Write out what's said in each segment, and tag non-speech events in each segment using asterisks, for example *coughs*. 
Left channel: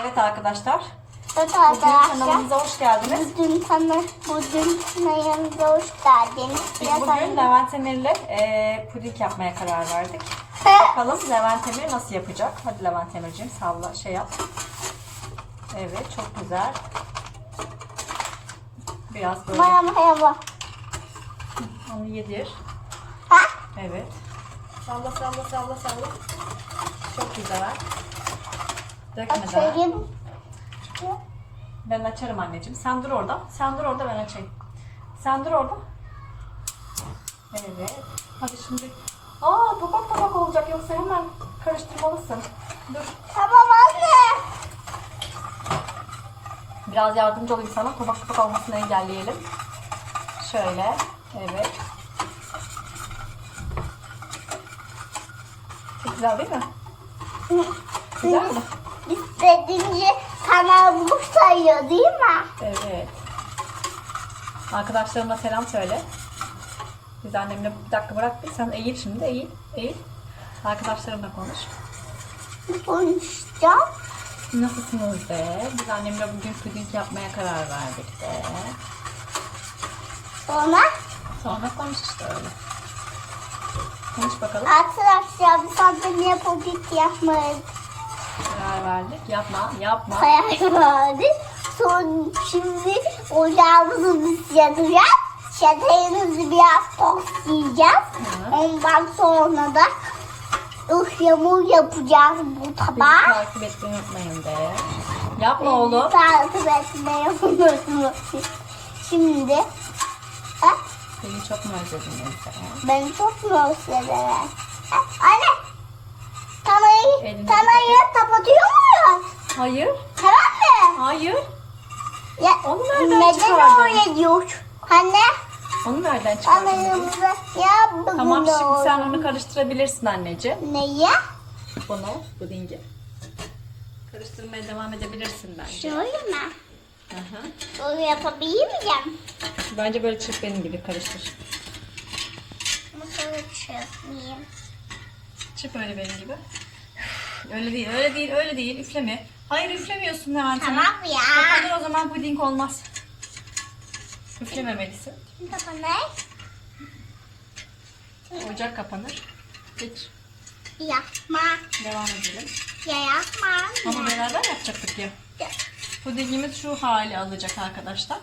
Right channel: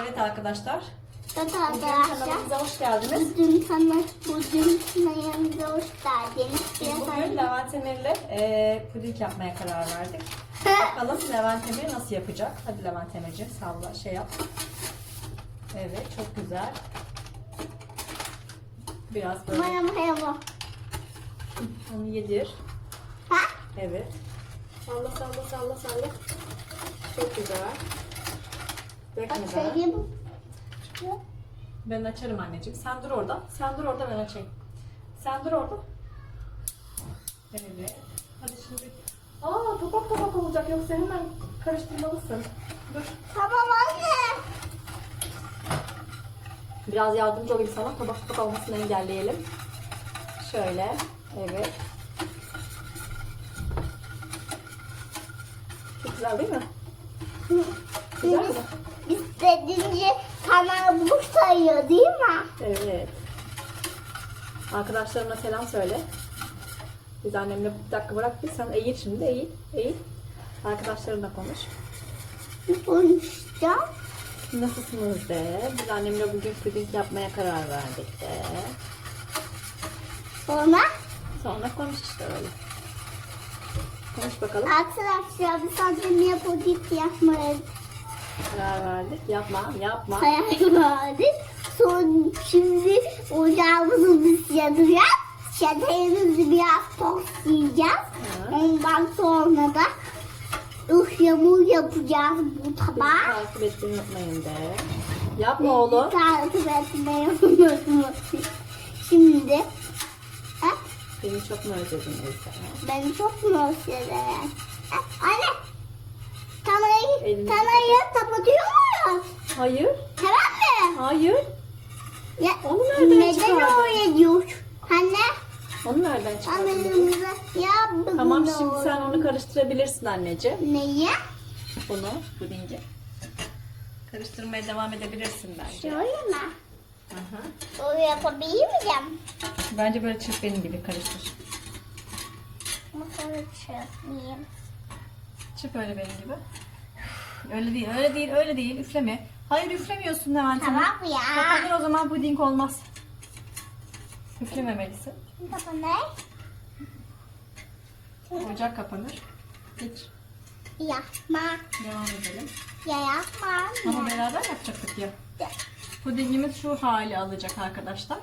Evet arkadaşlar. Evet Bugün arkadaşlar. kanalımıza hoş geldiniz. Bugün sana bugün kanalımıza hoş geldiniz. Biz Biraz bugün ayrı- Levent Emir'le e, puding yapmaya karar verdik. *laughs* Bakalım Levent Emir nasıl yapacak? Hadi Levent Emir'ciğim salla şey yap. Evet çok güzel. Biraz böyle Bana merhaba. onu yedir. Ha? Evet. Salla salla salla salla. Çok güzel. Dökme daha. Açayım. Ben açarım anneciğim. Sen dur orada. Sen dur orada ben açayım. Sen dur orada. Evet. Hadi şimdi. Aa topak topak olacak yoksa hemen karıştırmalısın. Dur. Tamam anne. Biraz yardımcı olayım sana. Topak topak olmasını engelleyelim. Şöyle. Evet. Çok güzel değil mi? Güzel mi? İstediğince kanalımı sayıyor değil mi? Evet. Arkadaşlarıma selam söyle. Biz annemle bir dakika bırak bir sen eğil şimdi eğil eğil. Arkadaşlarımla konuş. Konuşacağım. Nasılsınız de. Biz annemle bugün puding yapmaya karar verdik de. Sonra Sonra konuş işte öyle. Konuş bakalım. arkadaşlar biz annemle yapacak yapmayı verdik. Yapma yapma. karar verdik. Sonra şimdi ocağımızı biz. Şekerimizi biraz toslayacağız. Hı. Ondan sonra da ıhlamur yapacağız bu Bizi tabağa. takip etmeyi unutmayın de. Yapma oğlum. Takip etmeyi unutmayın. Şimdi ha, Beni çok mu özledin Ezde? beni çok mu özledin? Ha, Anne kamerayı, Elini- kamerayı kapatıyor muyum? Hayır. Tamam mı? Hayır. Ya, Onu nereden neden çıkardın? öyle diyor? Anne Onu nereden çıkardın? kameramızı ya bugün Tamam şimdi sen onu karıştırabilirsin anneciğim. Neye? Bunu, pudingi. Karıştırmaya devam edebilirsin bence. Şöyle mi? Aha. Böyle yapabilir miyim? Bence böyle çırp benim gibi karıştır. Mısır çırpmayayım. Çırp öyle benim gibi. Öyle değil, öyle değil, öyle değil. Üfleme. Hayır üflemiyorsun Levent. Tamam ya. Kapanır o zaman puding olmaz. Üflememelisin. Kapanır. Ocak kapanır. Geç. Yapma. Devam edelim. Ya yapma. Ama beraber yapacaktık diyor. Ya. Pudingimiz şu hali alacak arkadaşlar.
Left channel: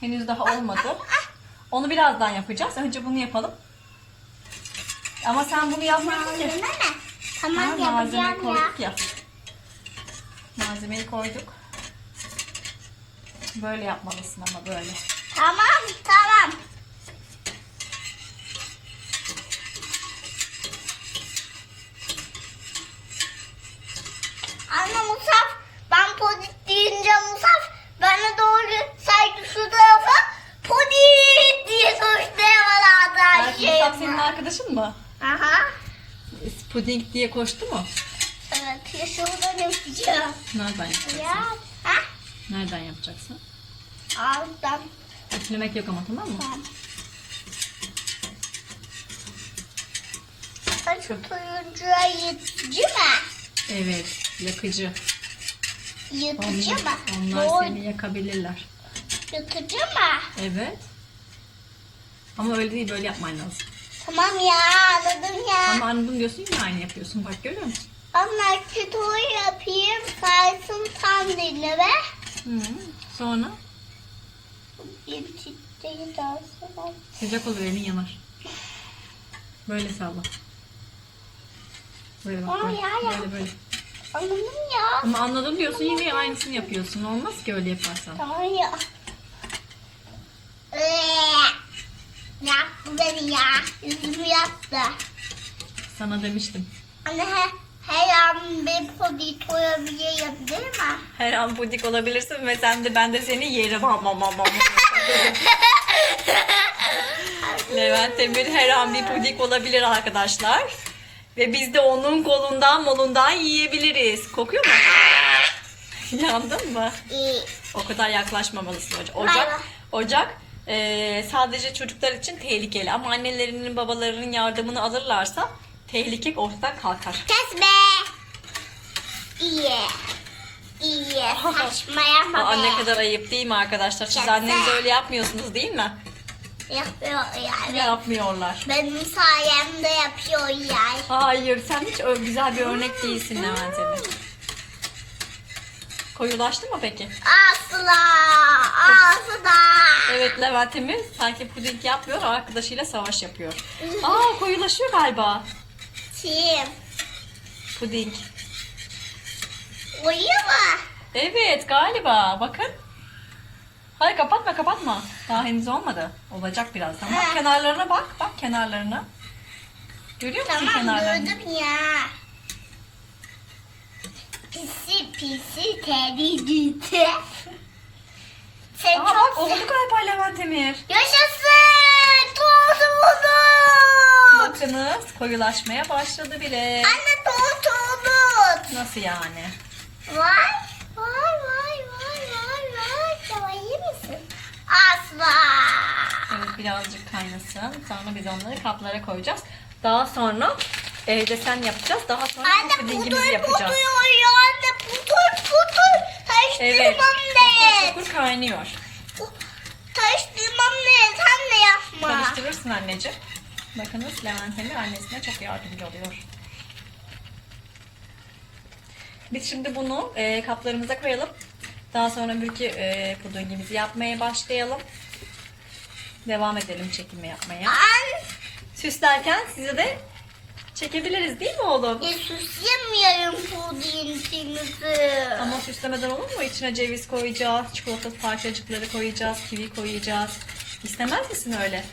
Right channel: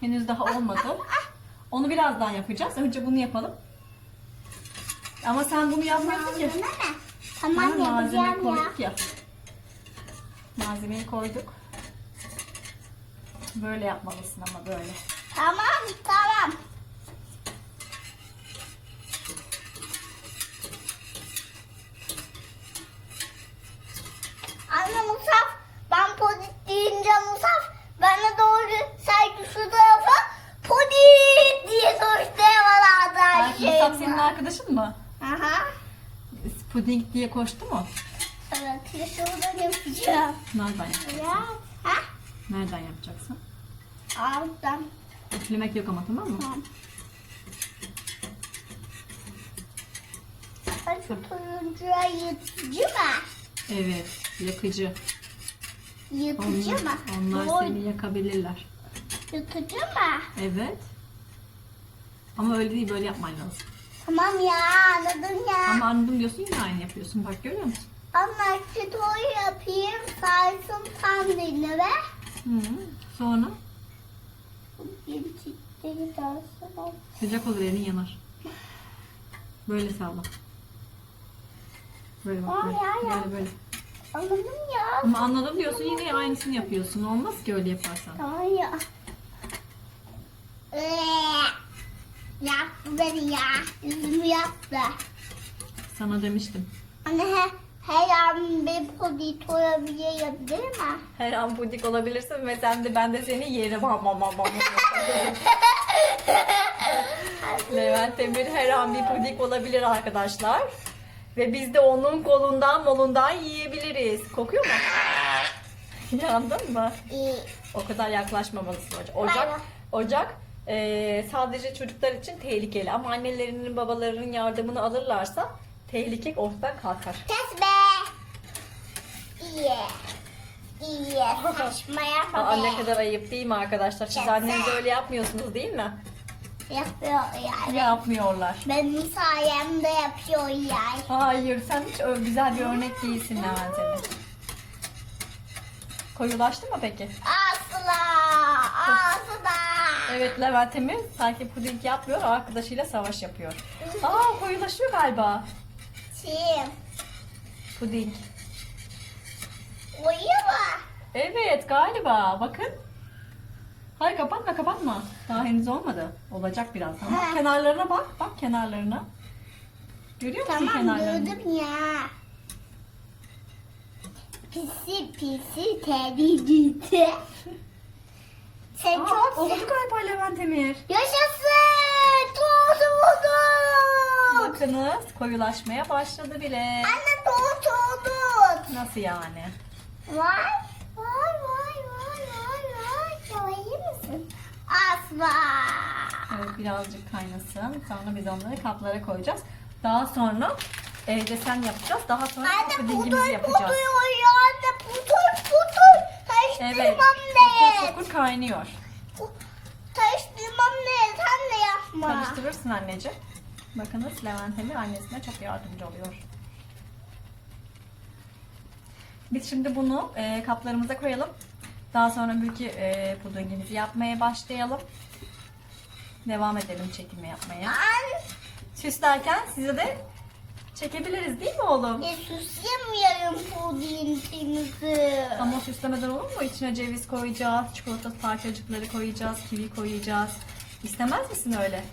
Henüz daha olmadı. Onu birazdan yapacağız. Önce bunu yapalım. Ama sen bunu yapmadın ki. Tamam Ha, malzemeyi yapacağım ya. koyduk ya. Malzemeyi koyduk. Böyle yapmalısın ama böyle. Tamam tamam. Anne Musaf, ben podit deyince Musaf bana doğru saydı şu tarafa podit diye soruştu bana Belki Musab senin arkadaşın mı? Aha. Puding diye koştu mu? Evet, ya şuradan yapacağım. Nereden yapacaksın? Ya. Ha? Nereden yapacaksın? Alttan. Üflemek yok ama tamam mı? Tamam. Ay, Şu turuncuya yıtıcı mı? Evet. Yakıcı. Onlar, mı? onlar Doğru. seni yakabilirler. Yıtıcı mı? Evet. Ama öyle değil böyle yapman lazım. Tamam ya anladım ya. Ama anne bunu diyorsun yine aynı yapıyorsun. Bak görüyor musun? Ama çıtoy yapayım saysın sandalye ve Hı. Sonra bir çiçeği daha sonra. sıcak olur elin yanar. Böyle salla. Böyle bak Aa, böyle. ya, ya. Böyle böyle. Anladım ya. Ama anladım diyorsun yine aynısını yapıyorsun. Olmaz ki öyle yaparsan. Tamam ya. Ee, Yaktı beni ya. Yüzümü yaktı. Sana demiştim. Anne he, her an bir podit olabilirim değil mi? Her an pudik olabilirsin ve sen de ben de seni yerim. Ham ham ham ham. *laughs* Levent Emir her an bir pudik olabilir arkadaşlar. Ve biz de onun kolundan molundan yiyebiliriz. Kokuyor mu? *laughs* Yandın mı? Ee, O kadar yaklaşmamalısın Ocak, vay. ocak eee, sadece çocuklar için tehlikeli ama annelerinin babalarının yardımını alırlarsa tehlike ortadan kalkar. kes be. İyi. diye *laughs* saçma yapma. Aa, ne kadar ayıp değil mi arkadaşlar? Siz annenize öyle yapmıyorsunuz değil mi? Yapıyor yani. Yapmıyorlar. Benim sayemde yapıyor yani. Hayır sen hiç ö- güzel bir örnek değilsin Levent Emir. Koyulaştı mı peki? Asla. Asla. Evet Levent Emir sanki puding yapmıyor arkadaşıyla savaş yapıyor. Aa koyulaşıyor galiba. Kim? Puding. Uyuyor mu? Evet galiba bakın. Hayır kapatma kapatma. Daha henüz olmadı. Olacak birazdan. Bak kenarlarına bak. Bak kenarlarına. Görüyor musun Tamam kenarlarını? gördüm ya. Pisi pisi teri gitti. Sen Aa, çok oldu galiba Levent Emir. Yaşasın! Toz buldum! Bakınız koyulaşmaya başladı bile. Anne toz olduk. Nasıl yani? Vay vay vay vay vay vay. Sen iyi misin? Asla. Evet birazcık kaynasın. Sonra biz onları kaplara koyacağız. Daha sonra evde sen yapacağız. Daha sonra Anne pudingimizi pudur yapacağız. pudur ya. Anne pudur pudur. Evet. Taştırmam ne? Fokur fokur kaynıyor. Taştırmam ne? Sen de yapma. Karıştırırsın anneciğim. Bakınız Levent Emir annesine çok yardımcı oluyor. Biz şimdi bunu e, kaplarımıza koyalım. Daha sonra bürki e, pudingimizi yapmaya başlayalım. Devam edelim çekimi yapmaya. An, Süslerken size de çekebiliriz değil mi oğlum? ya süslemiyorum pudingimizi. Ama süslemeden olur mu? İçine ceviz koyacağız, çikolata parçacıkları koyacağız, kivi koyacağız. İstemez misin öyle?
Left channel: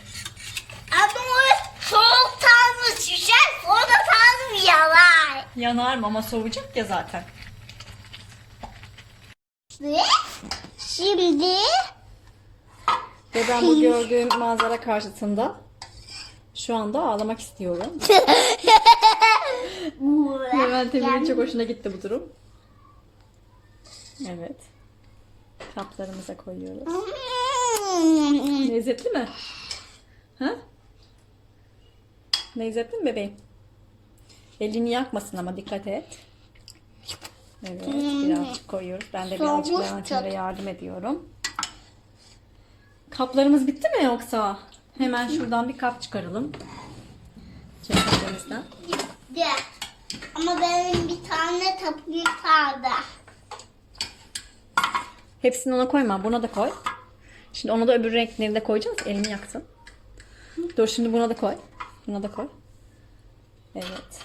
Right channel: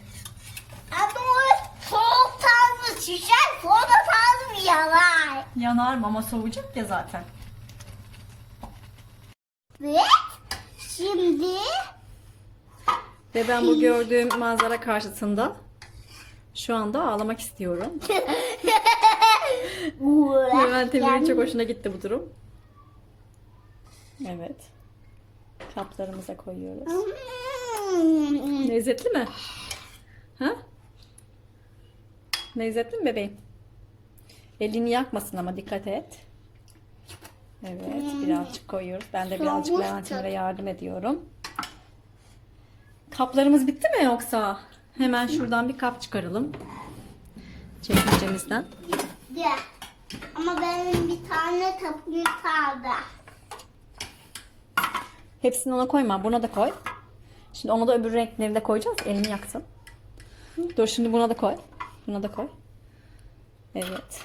Ama o soğuk tarzı şişer, soda tarzı yalar. Yanar mı ama soğuyacak ya zaten. Ve şimdi Ve ben bu gördüğüm manzara karşısında şu anda ağlamak istiyorum. *laughs* Levent Emir'in çok hoşuna gitti bu durum. Evet. Kaplarımıza koyuyoruz. Hmm. Lezzetli mi? Ha? Lezzetli mi bebeğim? Elini yakmasın ama dikkat et. Evet, birazcık koyuyoruz. Ben de birazcık Levent. Emir'e yardım ediyorum. Kaplarımız bitti mi yoksa? Hemen şuradan bir kap çıkaralım. Çekmecemizden. De. Ama benim bir tane tapım kaldı. Hepsini ona koyma. Buna da koy. Şimdi ona da öbür renkleri de koyacağız. Elimi yaksın. Dur şimdi buna da koy. Buna da koy. Evet.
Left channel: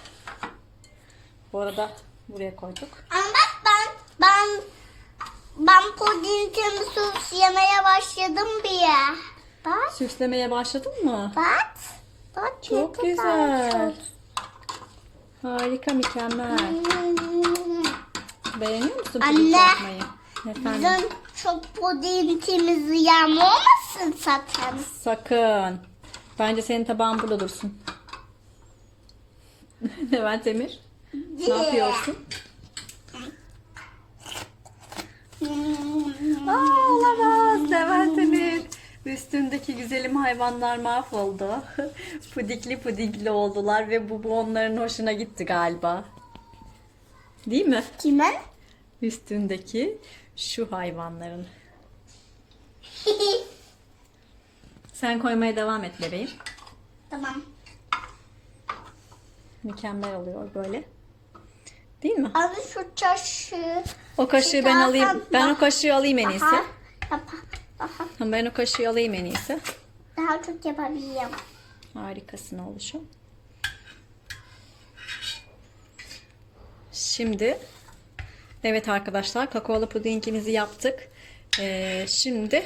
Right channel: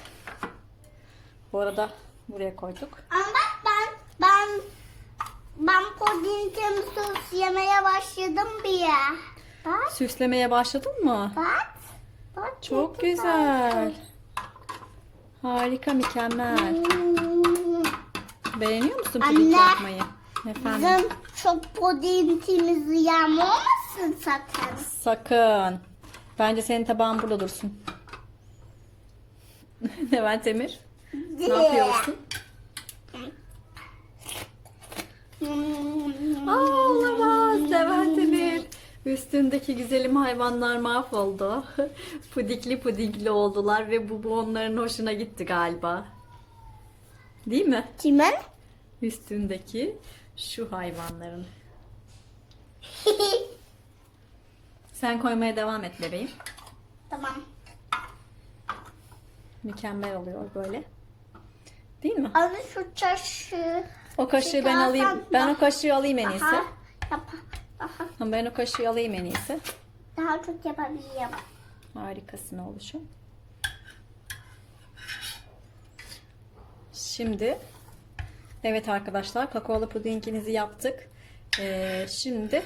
Bu arada buraya koyduk. Ama bak ben ben ben pudingimi sos yemeye başladım bile. Bak Süslemeye başladın mı? bak. Bak Çok güzel. Harika, mükemmel. Hmm. Beğeniyor musun puding yapmayı? Efendim? Bizim çok pudingimizi yağmamasın zaten. Sakın. Bence senin tabağın burada dursun. *laughs* Levent Emir. Ne yapıyorsun? Hmm. Aa, olamaz Levent Emir. Üstündeki güzelim hayvanlar mahvoldu. *laughs* Pudikli pudikli oldular ve bu, bu onların hoşuna gitti galiba. Değil mi? Kimin? Üstündeki şu hayvanların. *laughs* Sen koymaya devam et bebeğim. tamam. Mükemmel oluyor böyle. Değil mi? Abi şu çaşı. O kaşığı ben alayım. Ben o kaşığı alayım en iyisi. Aha, aha. Ben o kaşığı alayım en iyisi. Daha çok yapabilirim. Harikasın oluşum. Şimdi evet arkadaşlar kakaolu pudingimizi yaptık. Ee, şimdi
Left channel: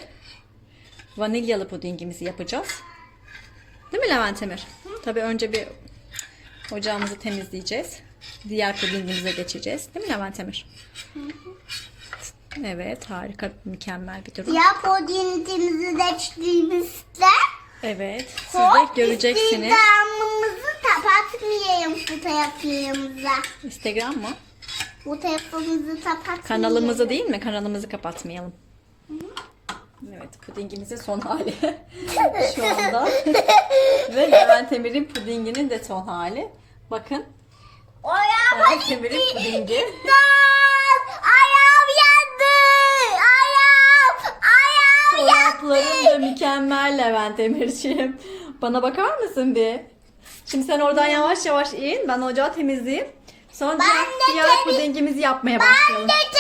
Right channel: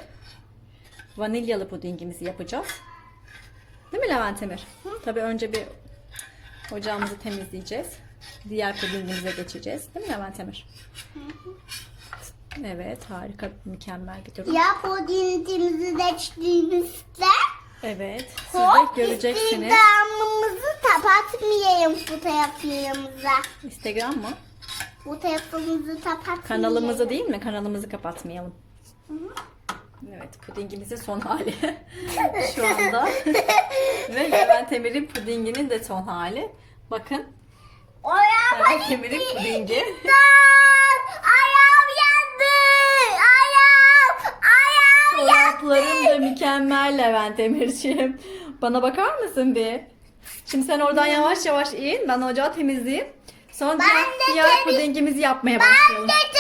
vanilyalı pudingimizi yapacağız. Değil mi Levent Emir? Tabii önce bir ocağımızı temizleyeceğiz. Diğer pudingimize geçeceğiz. Değil mi Levent Emir? Evet harika mükemmel bir durum. Ya pudingimizi seçtiğimizde Evet siz de göreceksiniz. İstihdamımızı kapatmayalım fotoğraflarımıza. Instagram mı? Fotoğrafımızı kapatmayalım. Kanalımızı değil mi? Kanalımızı kapatmayalım. Evet, pudingimizin son hali *laughs* şu anda. Ve Levent Emir'in pudinginin de son hali. Bakın, Levent Emir'in pudingi. Ayağım yandı. Sosların da mükemmel Levent Emirciğim. Bana bakar mısın bir? Şimdi sen oradan yavaş yavaş in. Ben ocağı temizleyeyim. Sonra Ben diğer, diğer temiz- pudingimizi yapmaya Ben başlayalım. de temizleyeceğim.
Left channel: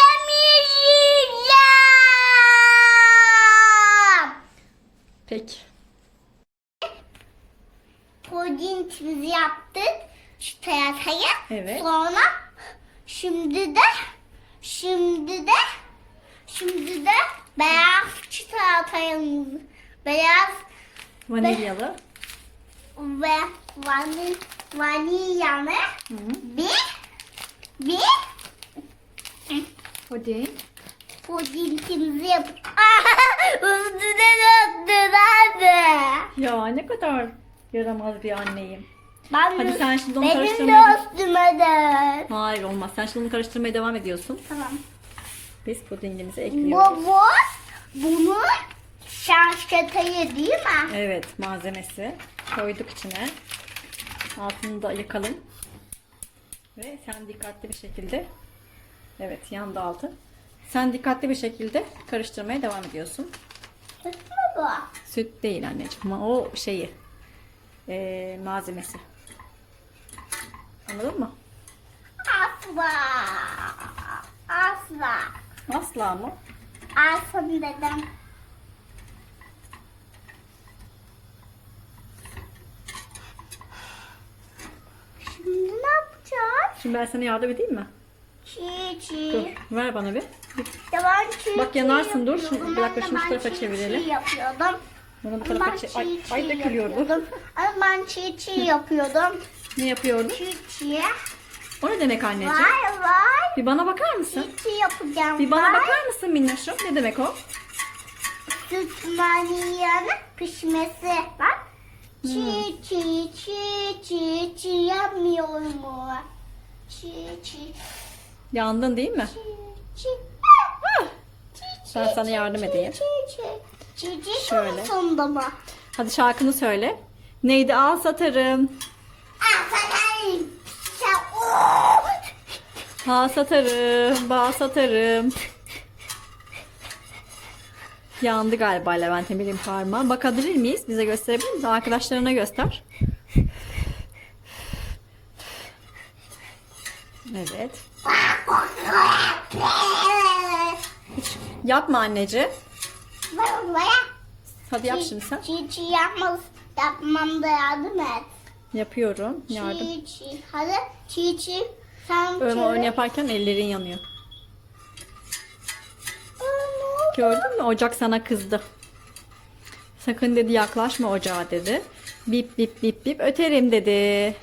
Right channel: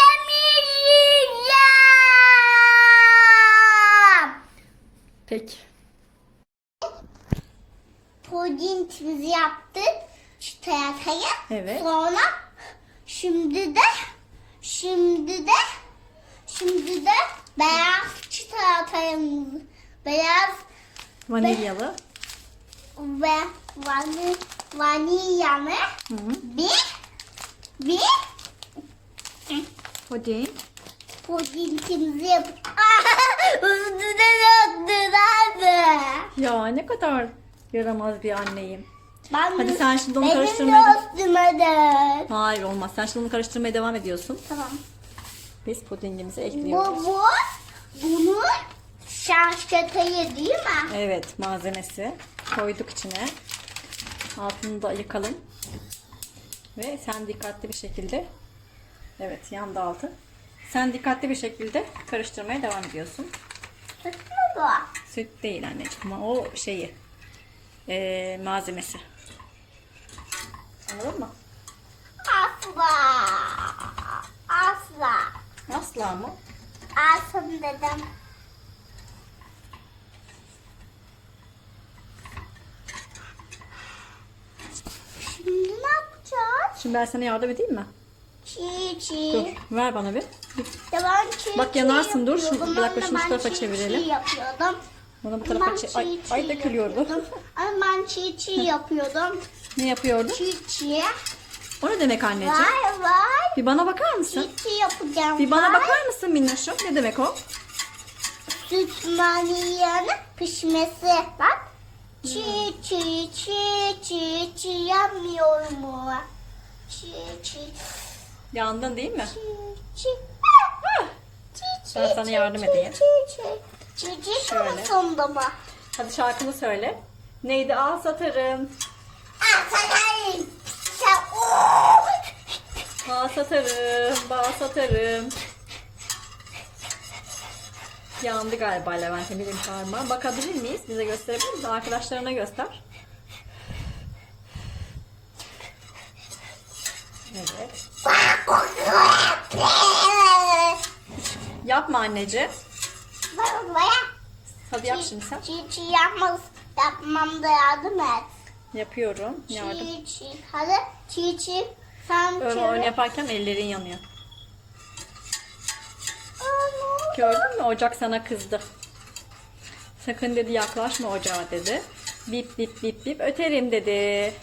Peki. Pudingimizi yaptık. Çikolatayı. Evet. Sonra şimdi de şimdi de şimdi de beyaz çikolatayımız beyaz Vanilyalı. ve vani, vanilyalı Hı -hı. bir bir Puding. pudingimizi yap. *laughs* Üstüne döktün hadi. Ya ne kadar yaramaz bir anneyim. Ben Hadi sen şimdi onu benim karıştırmaya de üstüme dök. Hayır olmaz. Sen şimdi onu karıştırmaya devam ediyorsun. Tamam. Biz pudingimizi ekliyoruz. Bu, bu bunu şanşkatayı değil mi? Evet malzemesi koyduk içine. Altını da yakalım. Ve sen dikkatli bir şekilde Evet yandı altı. Sen dikkatli bir şekilde karıştırmaya devam ediyorsun. Süt mü bu? Süt değil anneciğim o şeyi eee, malzemesi. Anladın mı? Asla. Asla. Asla mı? Asla dedim. Şimdi ne yapacağız? Şimdi ben sana yardım edeyim mi? Çiğ Dur çiğ. ver bana bir. Ya ben çiğ Bak çiğ yanarsın, dur. Şunu- bir dakika şunu şu tarafa çiğ çevirelim. Çiğ yapıyordum. Bunu bu tarafa çek. çiğ Ay, çiğ ay dökülüyordu. yapıyordum. *laughs* Ben çiğ çiğ yapıyordum. ne yapıyordun? Çiğ çiğ. O ne demek anneciğim? Vay vay. Bir bana bakar mısın? Çiğ çiğ yapacağım. Bir bana Vay. bakar mısın Minnoş'um? Ne demek o? Süt vanilyanın pişmesi. Bak. Çiğ çiğ çiğ çiğ çiğ yapmıyorum mu? Çiğ çiğ Yandın değil mi? Çiğ çiğ Ben sana yardım çiğ, edeyim. Çiğ çiğ. Çiğ çiğ Şöyle. sonunda mı? Hadi şarkını söyle. Neydi? Al satarım. Aa sen ooo. Al satarım. Bal satarım. Yandı galiba Levent Emir'in parmağı. Bakabilir miyiz? Bize gösterebilir misin? Arkadaşlarına göster. Evet. Yapma anneciğim. Hadi yap şimdi sen. çiğ yapmaz, yapmam da yardım et. Yapıyorum. Yardım. Çiğ çiğ. Hadi çiğ çiğ. Sen Öyle çevir. yaparken ellerin yanıyor. Aa? Gördün mü? Ocak sana kızdı. Sakın dedi yaklaşma ocağa dedi. Bip bip bip bip öterim dedi.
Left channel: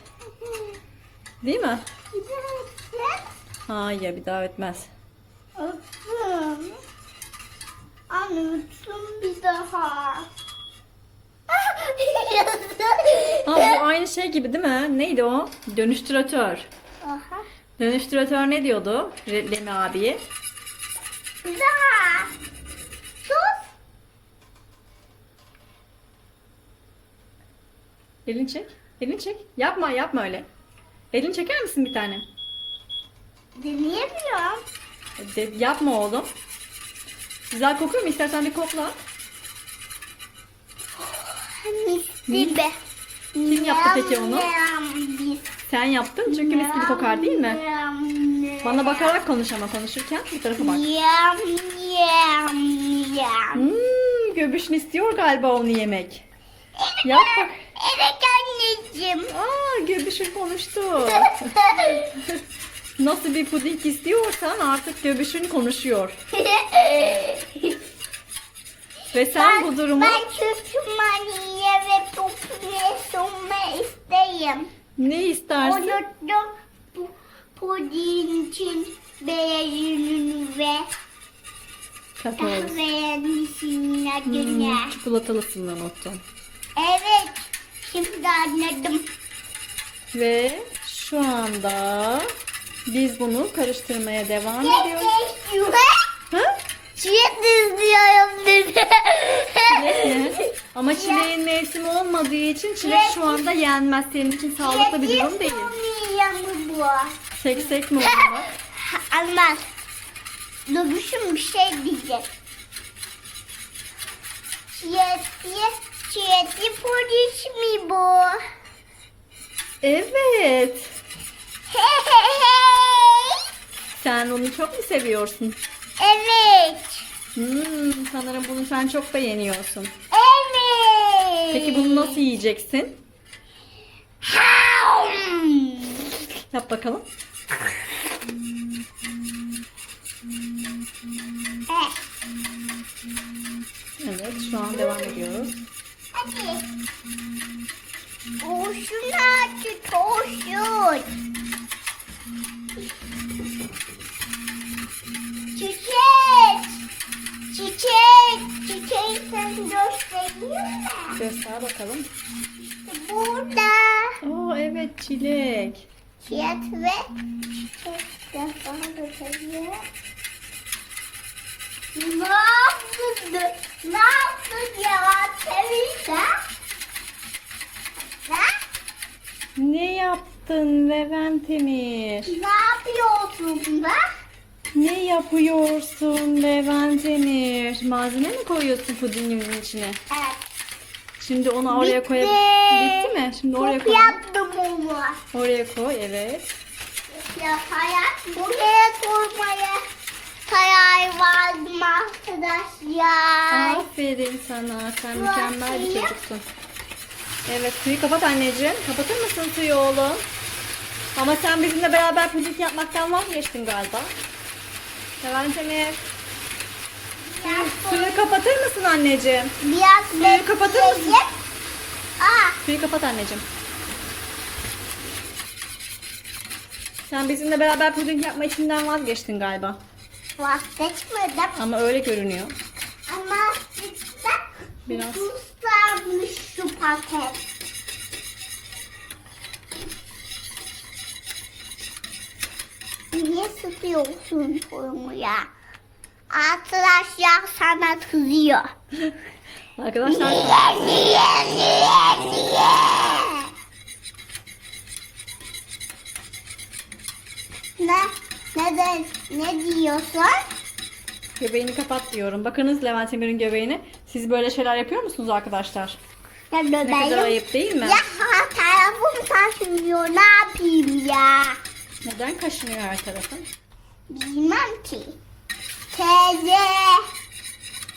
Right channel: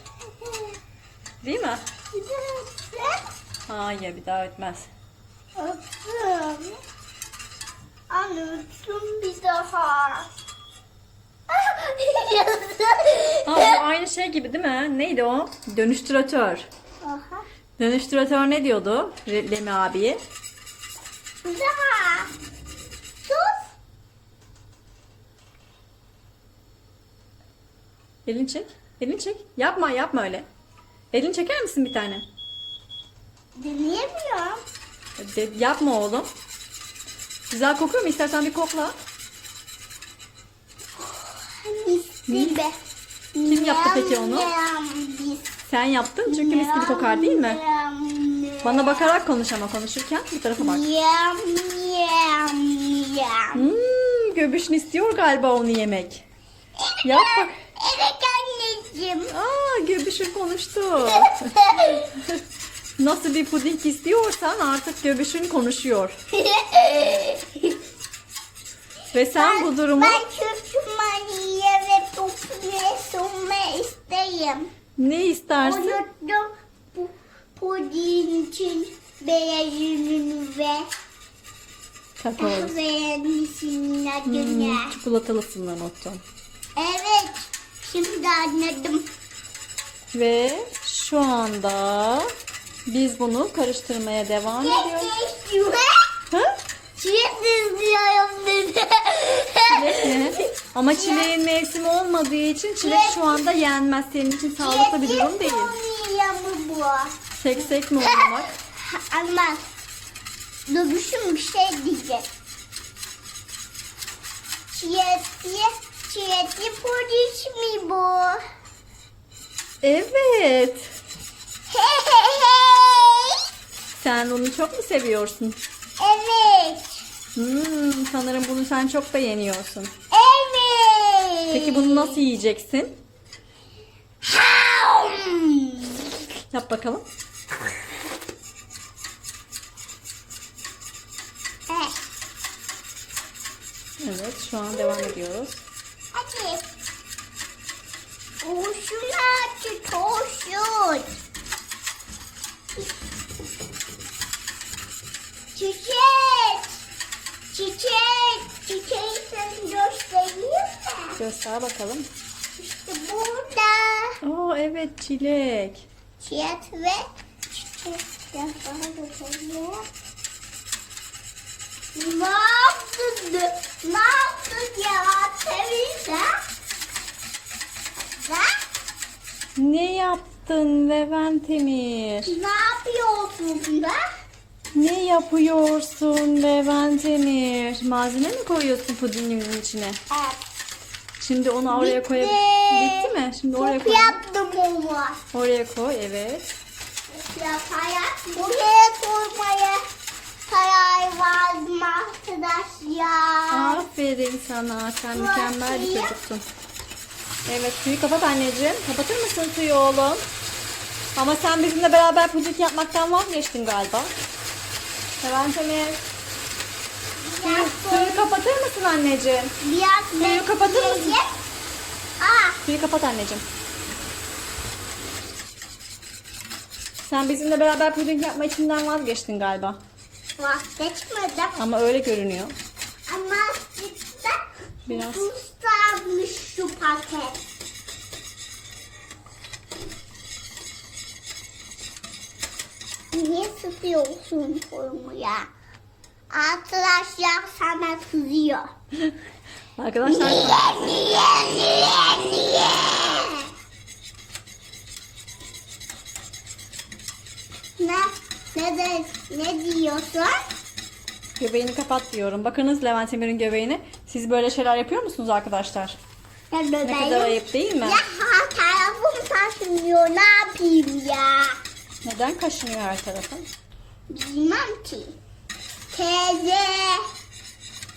Değil mi? Bir de Hayır bir daha ötmez. öptüm. Anne öptüm bir daha. Aa, bu aynı şey gibi değil mi? Neydi o? Dönüştüratör. Aha. Dönüştüratör ne diyordu? Lemi. Bir daha. Sus. Elini çek. Elini çek. Yapma yapma öyle. Elini çeker misin bir tane? Deneyemiyorum. De- yapma oğlum. Güzel kokuyor mu? İstersen bir kokla. Mis gibi. Kim yaptı peki onu? Sen yaptın çünkü mis gibi kokar değil mi? Bana bakarak konuş ama konuşurken bu tarafa bak. Hmm, göbüşün istiyor galiba onu yemek. Yap bak. Evet anneciğim. Aa göbüşün konuştu. *laughs* Nasıl bir puding istiyorsan artık göbüşün konuşuyor. *laughs* Ve sen bu durumu Ben çöpçümaniye sunma isteyim. ne istersin? Unuttum bu puding için beyazını ve Kakaolu. beğenmişsin adını. Hmm, çikolatalısından unuttun. Evet. Şimdi anladım. Ve şu anda biz bunu karıştırmaya devam ediyoruz. Ha? Çiğ izliyorum dedi. Çilek *laughs* mi? Ama çileğin mevsimi olmadığı için çilek şu anda yenmez. Senin için sağlıklı bir durum değil. Çiğ bu. Seksek mi olmak? Almaz. *laughs* Dövüşüm bir şey diyecek. Çiğetli, çiğetli polis mi bu? Evet. Sen onu çok mu seviyorsun? Evet. Hmm, sanırım bunu sen çok beğeniyorsun. Evet. Peki bunu nasıl yiyeceksin? Hmm. Yap bakalım. Evet. Evet, şu an devam ediyoruz. Hadi. Koşun hadi koşun. Göster bakalım. İşte burada. Oo evet çilek. Çiçek ve. Ne yaptın? Ne yaptın ya? Ne? Ne yaptın Levent Emir? Ne yapıyorsun be? Ne yapıyorsun Levent Emir? Malzeme mi koyuyorsun pudingimizin içine? Evet. Şimdi onu oraya Bitti. koyup... Bitti mi? Şimdi oraya koy. yaptım onu. Oraya koy evet. Yaparak buraya koymaya karar verdim arkadaşlar. Aferin sana. Sen mükemmel bir çocuksun. Evet suyu kapat anneciğim. Kapatır mısın suyu oğlum? Ama sen bizimle beraber puding yapmaktan vazgeçtin galiba. Levent Emir. Suyu kapatır mısın anneciğim? Biraz Suyu kapatır mısın? bekleyip- Aa, Suyu kapat anneciğim. Sen bizimle beraber puding yapma içinden vazgeçtin galiba. vazgeçmedim. Ama öyle görünüyor. Ama işte Biraz. sarmış şu paket. Niye sıkıyorsun bunu ya? Arkadaşlar sana kızıyor. *laughs* Arkadaşlar Niye, niye, niye? Ne? Ne de, ne diyorsun? göbeğini kapat diyorum. Bakınız Levent Emir'in göbeğini. Siz böyle şeyler yapıyor musunuz arkadaşlar? Ben Ne kadar ayıp değil mi? Ya tarafım taşınıyor. Ne yapayım ya? Neden kaşınıyor her tarafı? Bilmem ki. Teyze.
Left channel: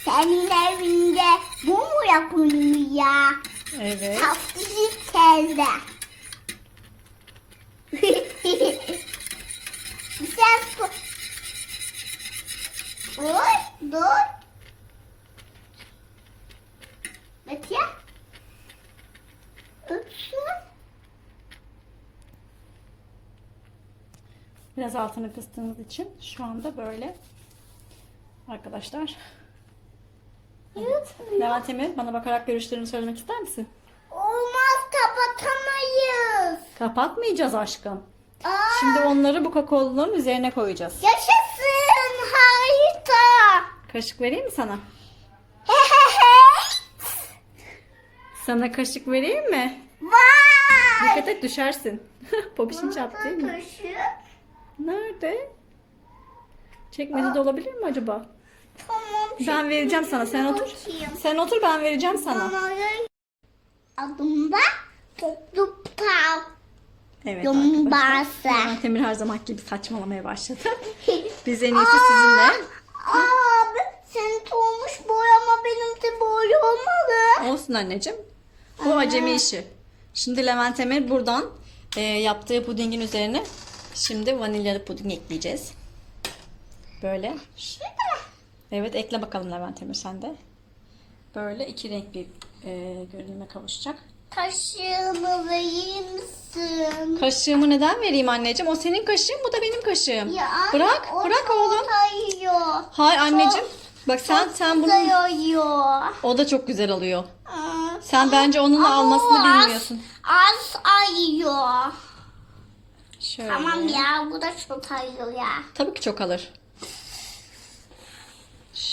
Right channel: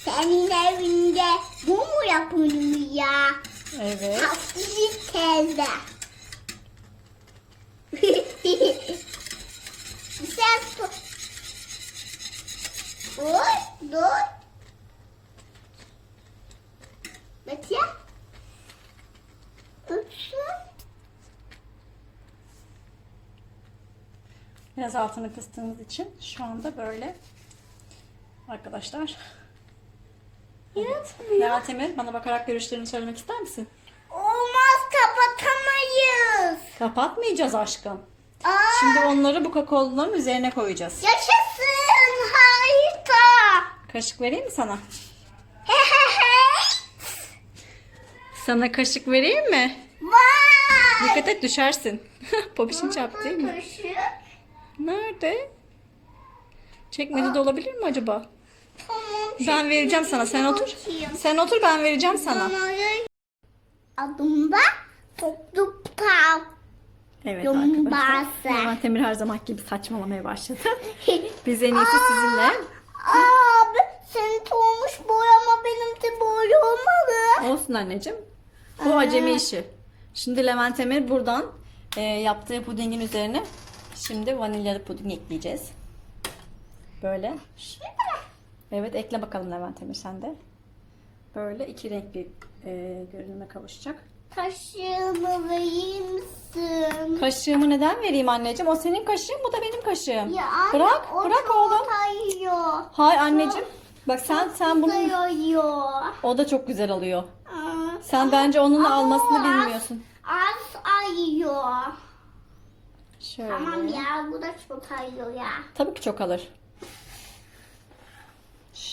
Senin evinde bu mu yapılıyor ya? Evet. Tatlısız teyze. *laughs* Sen Dur, dur. Uçsun. Biraz altını kıstığımız için şu anda böyle. Arkadaşlar. Evet. Levent Emir bana bakarak görüşlerini söylemek ister misin? Olmaz kapatamayız. Kapatmayacağız aşkım. Aa, Şimdi onları bu kakaoluların üzerine koyacağız. yaşasın harika. Kaşık vereyim mi sana? *laughs* Sana kaşık vereyim mi? Vay. Dikkat et düşersin. *laughs* Popişin çarptı değil mi? Kaşık. Nerede? Çekmecede olabilir mi acaba? Ben vereceğim sana. Sen otur. Sen otur ben vereceğim sana. Adımda toplu pav. Evet arkadaşlar. Levent Emir her zaman gibi saçmalamaya başladı. *laughs* Biz en iyisi sizinle. Abi senin olmuş boyama benim de boy olmalı. Olsun anneciğim. Bu acemi işi. Şimdi Levent Emir buradan e, yaptığı pudingin üzerine şimdi vanilyalı puding ekleyeceğiz. Böyle. Evet ekle bakalım Levent Emir sen de. Böyle iki renk bir e, görünüme kavuşacak. Kaşığını verir misin? Kaşığımı neden vereyim anneciğim? O senin kaşığın bu da benim kaşığım. Ya anne, bırak o bırak çok oğlum. Kayıyor. Hayır anneciğim. Bak sen sen bunu o da çok güzel alıyor. Hmm. Sen bence onun Ama almasını az- bilmiyorsun. Az ayıyor. Şöyle. Tamam ya bu da çok ayıyor ya. Tabii ki çok alır.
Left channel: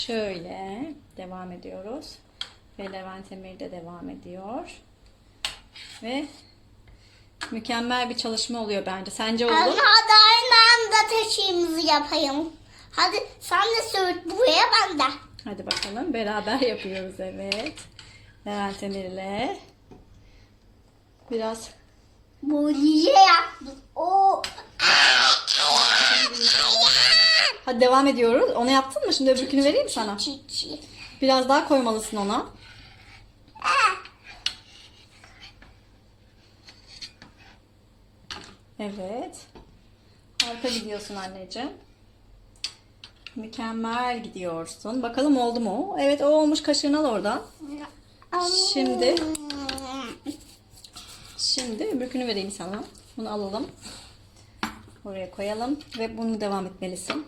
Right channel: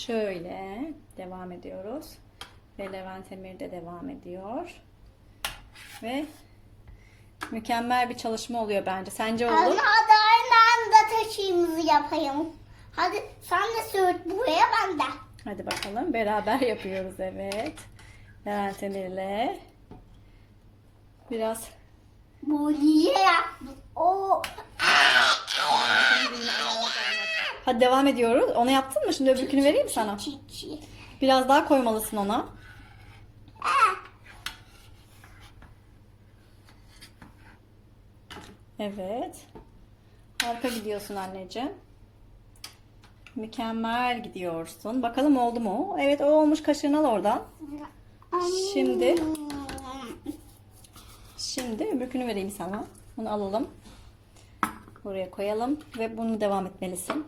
Şöyle devam ediyoruz. Ve Levent Emir de devam ediyor. Ve mükemmel bir çalışma oluyor bence. Sence Anne oğlum? hadi aynı anda taşıyımızı yapayım. Hadi sen de sürt buraya ben de. Hadi bakalım beraber yapıyoruz evet. Levent Emir'le biraz Böyle yaptım. O. Hadi devam ediyoruz. Onu yaptın mı? Şimdi öbürkünü vereyim sana. Çiçi. Biraz daha koymalısın ona. Evet. Harika gidiyorsun anneciğim. Mükemmel gidiyorsun. Bakalım oldu mu? Evet o olmuş kaşığını al oradan. Şimdi şimdi öbürkünü vereyim sana. Bunu alalım. Buraya koyalım ve bunu devam etmelisin.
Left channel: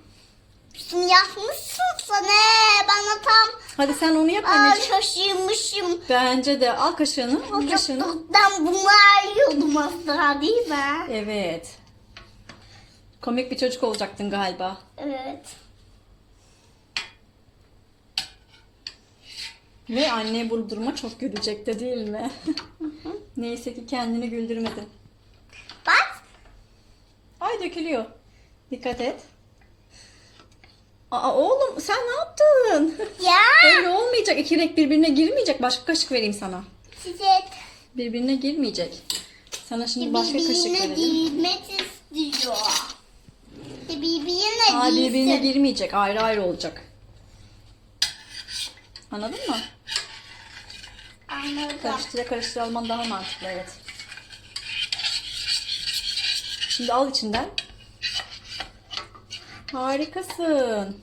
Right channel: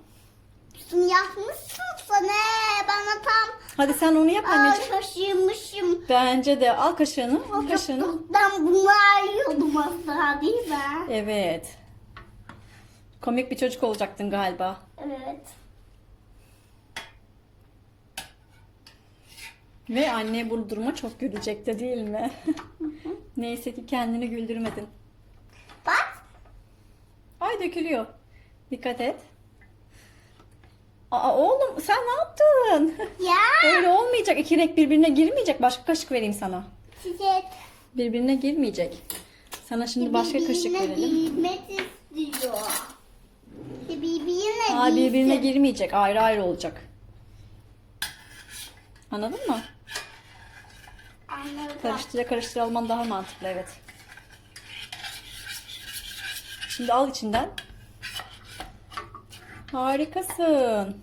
Sen yapmışsın sana. Bana tam Hadi sen onu yap anneciğim. şaşırmışım. Bence de al kaşığını, al kaşığını. Ben bunu arıyordum aslında değil mi? Evet. Komik bir çocuk olacaktın galiba. Evet. Ve anne bu duruma çok gülecekti değil mi? Neyse ki kendini güldürmedin. Bak. Ay dökülüyor. Dikkat et. Aa oğlum sen ne yaptın? Ya. *laughs* Öyle olmayacak. İki renk birbirine girmeyecek. Başka kaşık vereyim sana. Size Birbirine girmeyecek. Sana şimdi başka kaşık birbirine verelim. girmek istiyor. Birbirine Aa birbirine girmeyecek. Ayrı ayrı olacak. Anladın mı? Karıştıra karıştıra alman daha mantıklı evet. Şimdi al içinden. Harikasın.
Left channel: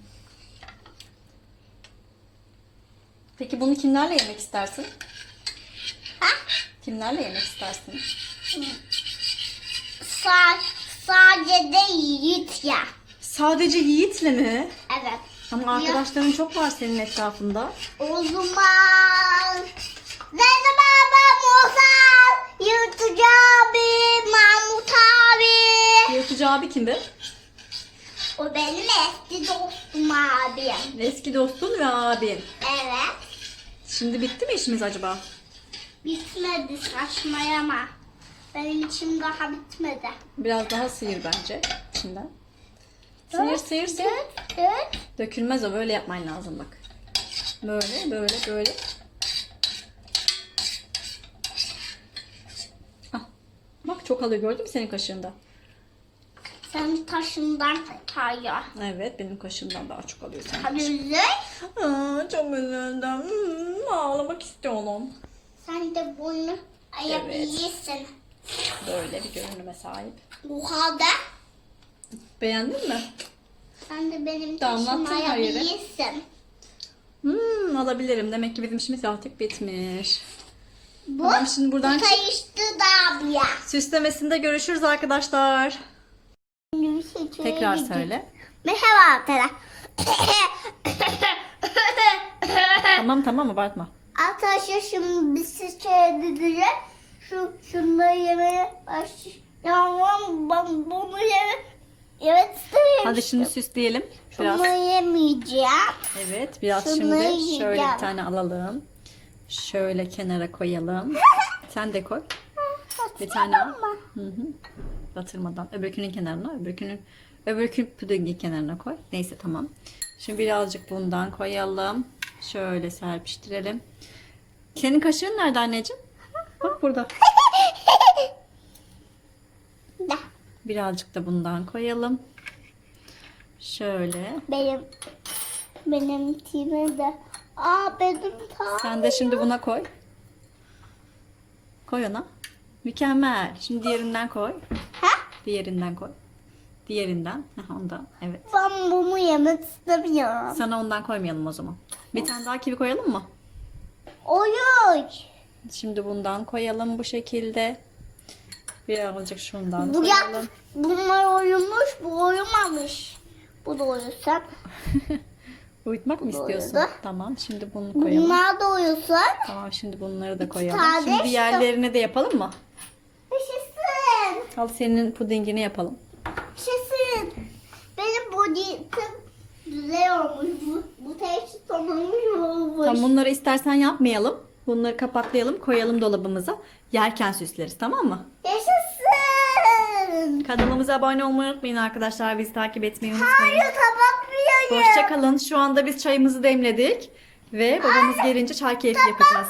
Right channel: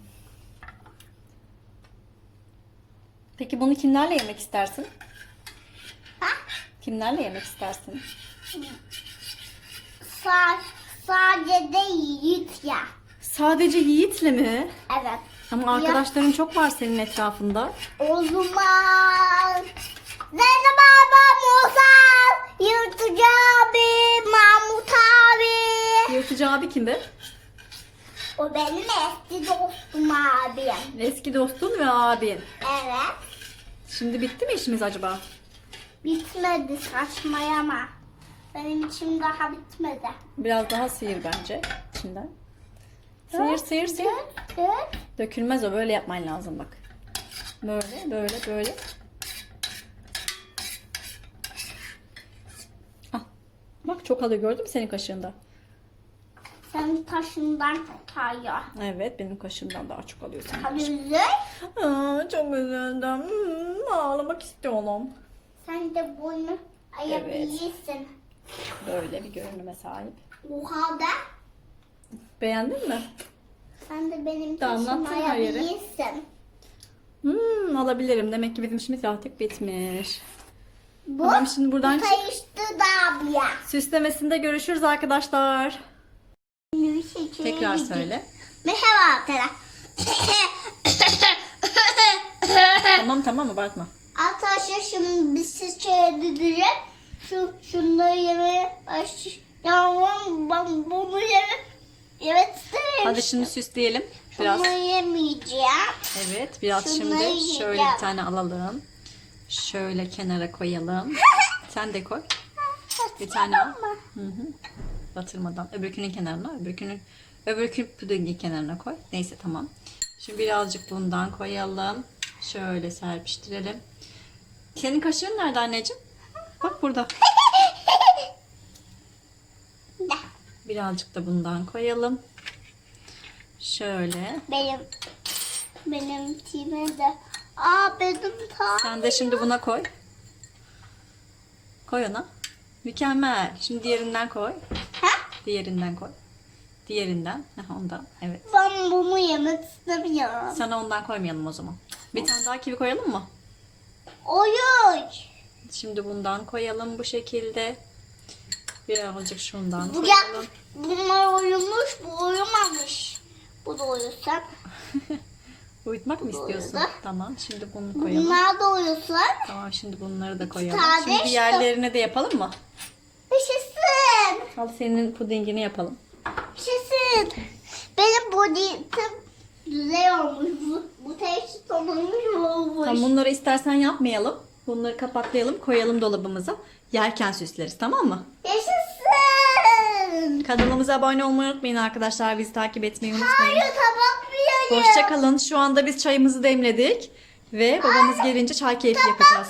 Peki bunu kimlerle yemek istersin? Kimlerle yemek istersin? Sa sadece de yiğit ya. Sadece Yiğit'le mi? Evet. Ama arkadaşların çok var senin etrafında. O zaman Zeynep abi, Musa, Yırtıcı abi, Mahmut abi. Yırtıcı abi kim be? O benim eski dostum abim. Eski dostun ve abin. Evet. Şimdi bitti mi işimiz acaba? Bitmedi saçmayama. Benim içim daha bitmedi. Biraz daha sıyır bence içinden. Sıyır sıyır sıyır. Dökülmez o böyle yapman lazım bak. Böyle böyle böyle. Bak çok alıyor gördün mü senin kaşığında? Sen taşından kayıyor. Evet benim kaşığımdan daha çok alıyor senin. Tabii. Aa, çok üzüldüm. Hmm, ağlamak istiyorum. Sen de bunu ayabilirsin. Böyle bir görünüme sahip. Bu halde Beğendin mi? sen de benim Damlattın taşımı her yere. ayabilirsin. Hmm, alabilirim. Demek ki bizim işimiz artık bitmiş. Bu Tamam şimdi buradan kayıştı da abi ya. Süslemesinde görüşürüz arkadaşlar. Tekrar söyle. Merhaba arkadaşlar. *coughs* Tamam tamam abartma. Arkadaşlar şimdi biz siz çevireceğiz. Şu şunları yemeye başlayacağım. Ben bunu yeme Evet istemiyorum. Hadi şimdi süsleyelim. Biraz. Bunu yemeyeceğim. Evet biraz Şunları şimdi yiyeceğim. şöyle bir tane alalım. Şöyle kenara koyalım. *laughs* Sen de koy. Bir tane al. Hı hı. Batırmadan. Öbürkünün kenarına, öbürkünün öbürkü pudingin kenarına koy. Neyse tamam. Şimdi birazcık bundan koyalım. Şöyle serpiştirelim. Senin kaşığın nerede anneciğim? Bak burada. *laughs* Da, Birazcık da bundan koyalım. Şöyle. benim benim time de. Aa benim ta. Sen de şimdi buna koy. Koy ona. Mükemmel. Şimdi diğerinden koy. Ha? Diğerinden koy. Diğerinden. Heh, ondan. Evet. Ben bunu yemek istemiyorum. Sana ondan koymayalım o zaman. Bir tane daha kivi koyalım mı? Oyun. Şimdi bundan koyalım bu şekilde. Birazcık şundan Bu ya, koyalım. bunlar oyunmuş, bu uyumamış. Bu da uyusun. *laughs* Uyutmak mı istiyorsun? Uyudu. Tamam. Şimdi bunu koyalım. Bunlar da uyusun. Tamam şimdi bunları da koyalım. tane Şimdi diğerlerini de yapalım mı? Yaşasın. Al senin pudingini yapalım. Yaşasın. Benim body'tim güzel olmuş. Bu, bu teşhis olmuş olmuş. Tamam bunları istersen yapmayalım. Bunları kapaklayalım, koyalım dolabımıza. Yerken süsleriz tamam mı? Yaşasın. Kanalımıza abone olmayı unutmayın arkadaşlar. Bizi takip etmeyi unutmayın. Hayır kapatmıyorum. Hoşçakalın. Şu anda biz çayımızı demledik. Ve babamız gelince çay keyfi yapacağız.